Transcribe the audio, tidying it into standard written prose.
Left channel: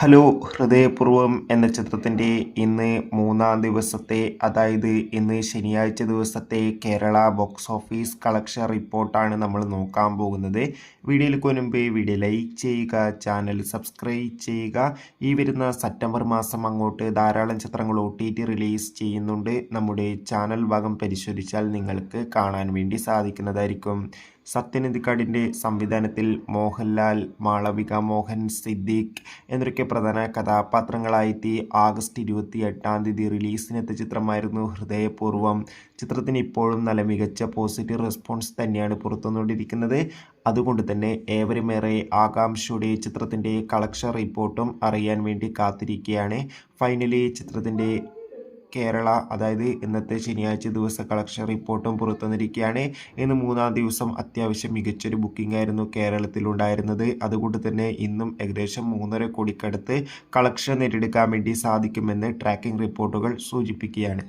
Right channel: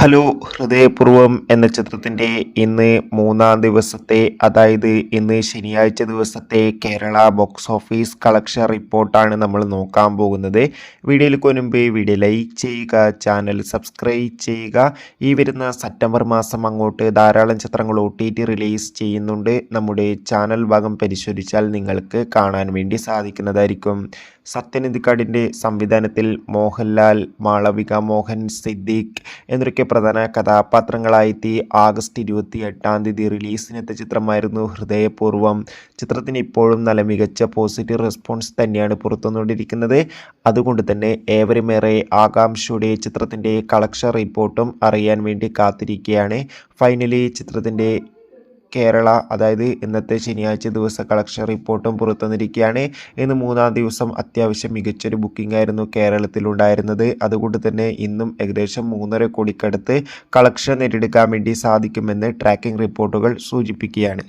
Hello ഹൃദയപൂർവ്വം എന്ന ചിത്രത്തിൻ്റെ ഇന്ന് മൂന്നാം ദിവസത്തെ അതായത് ഇന്ന് ശനിയാഴ്ച ദിവസത്തെ കേരള ബോക്സ് ഓഫീസ് കളക്ഷൻ റിപ്പോർട്ടാണ് നമ്മൾ നോക്കാൻ പോകുന്നത്. വീഡിയോയിൽ മുൻപ് വീഡിയോ ലൈക്ക് ചെയ്യുക, ചാനൽ സബ്സ്ക്രൈബ് ചെയ്യുക. ഈ വരുന്ന സെപ്റ്റംബർ മാസം അങ്ങോട്ട് ധാരാളം ചിത്രങ്ങൾ OTT റിലീസ് ചെയ്യുന്നുണ്ട്. നമ്മുടെ ചാനൽ ഭാഗം പരിശോധിച്ചാൽ നിങ്ങൾക്ക് കാണാൻ വേണ്ടി സാധിക്കുന്നതായിരിക്കും. സത്യനന്ദിക്കാടിൻ്റെ സംവിധാനത്തിൽ മോഹൻലാൽ, മാളവിക മോഹൻ, സിദ്ദീഖ് എന്നൊക്കെ പ്രധാന കഥാപാത്രങ്ങളായെത്തി ആഗസ്റ്റ് 28 റിലീസിനെത്തിയ ചിത്രമായിരുന്നു ഹൃദയപൂർവ്വം. ചിത്രത്തിന് ഇപ്പോഴും നല്ല മികച്ച പോസിറ്റീവ് റെസ്പോൺസ് തന്നെയാണ് പുറത്തുവന്നുകൊണ്ടിരിക്കുന്നത്. അതുകൊണ്ട് തന്നെ ഏവരുമേറെ ആകാംക്ഷയോടെ ചിത്രത്തിൻ്റെ കളക്ഷൻ റിപ്പോർട്ടും അറിയാൻ വേണ്ടി കാത്തിരിക്കുകയാണ്. ഫൈനലി ചിത്രത്തിൻ്റെ കേരള അതായത് ഇന്നത്തെ ശനിയാഴ്ച ദിവസ കളക്ഷൻ റിപ്പോർട്ടും പുറത്തുവന്നിരിക്കുകയാണ്. ഇന്ന് മൂന്നാം ദിവസം അത്യാവശ്യം മികച്ചൊരു ബുക്കിംഗ് ആയിരുന്നു കേരളത്തിലുണ്ടായിരുന്നത്. അതുകൊണ്ട് തന്നെ ഇന്നും ഏകദേശം 3.5 കോടിക്കടുത്ത് കളക്ഷൻ നേടിയെടുക്കാൻ വേണ്ടി സാധിക്കുമെന്ന് ട്രാക്കിംഗ് റിപ്പോർട്ടുകൾ സൂചിപ്പിക്കുകയാണ്.